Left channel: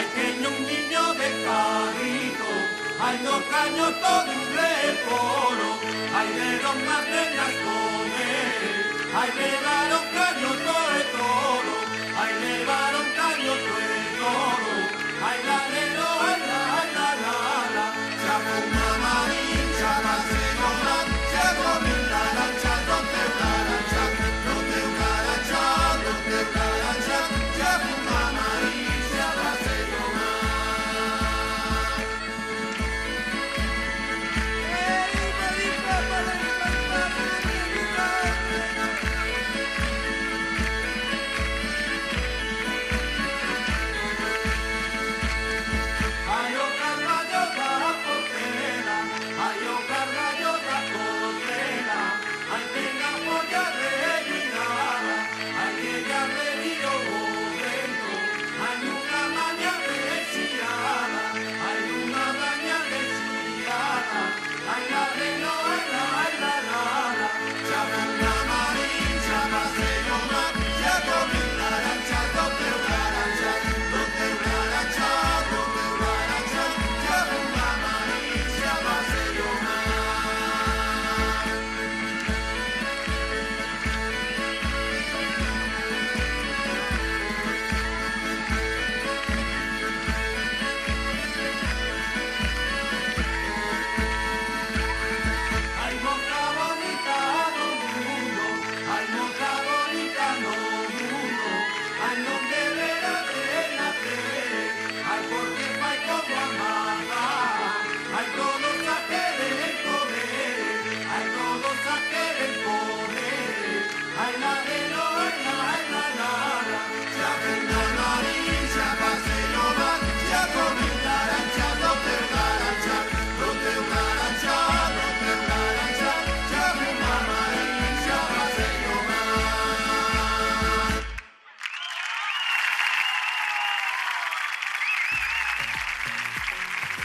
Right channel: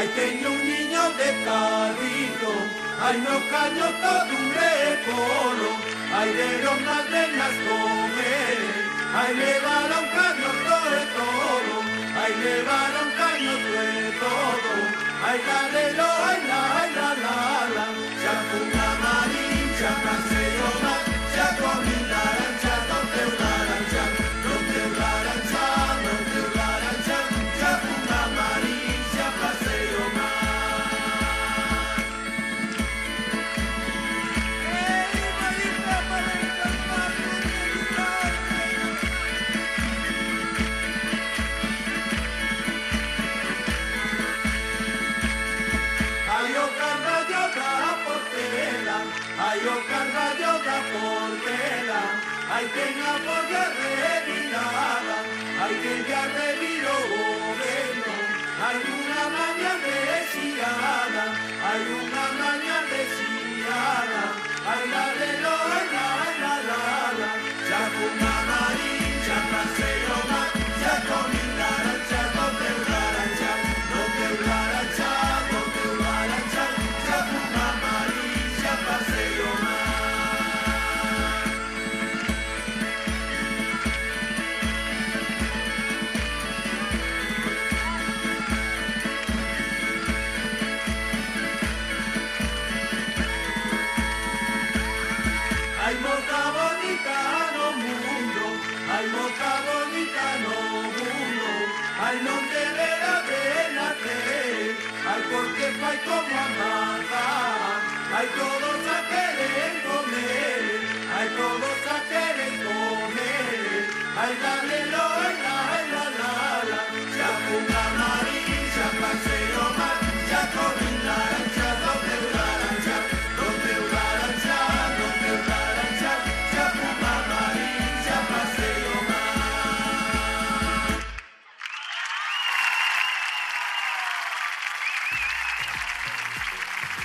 Ay, teño un niño de carrito, ay, no caño todo un recoro, ay, dieron las nenas comer, ay, llevaron caño todo el todo, ay, llevaron caño todo el todo, ay, la, ya fue una marincha, paseo más, ya comí una lancha, no te una lancha, no te una lancha, no te una lancha, ya fue una marincha, paseo más. Ay, oh, cargallo da portera, ay, oh, cargallo da portera, ay, tenga polla de mirada, ay, que ya me miro bueno, hay una baña desirada, hay una baña desirada, ay, la, ya fue una marincha, paseo más, ya comí una lancha, no te una lancha, no te una lancha, no te una lancha, ya fue una marincha, paseo más. Ay, boca bonita no mundo, ay, boca bonita no mundo, ay, no te relate, ay, porque hay como amar, ay, todos a querer comer.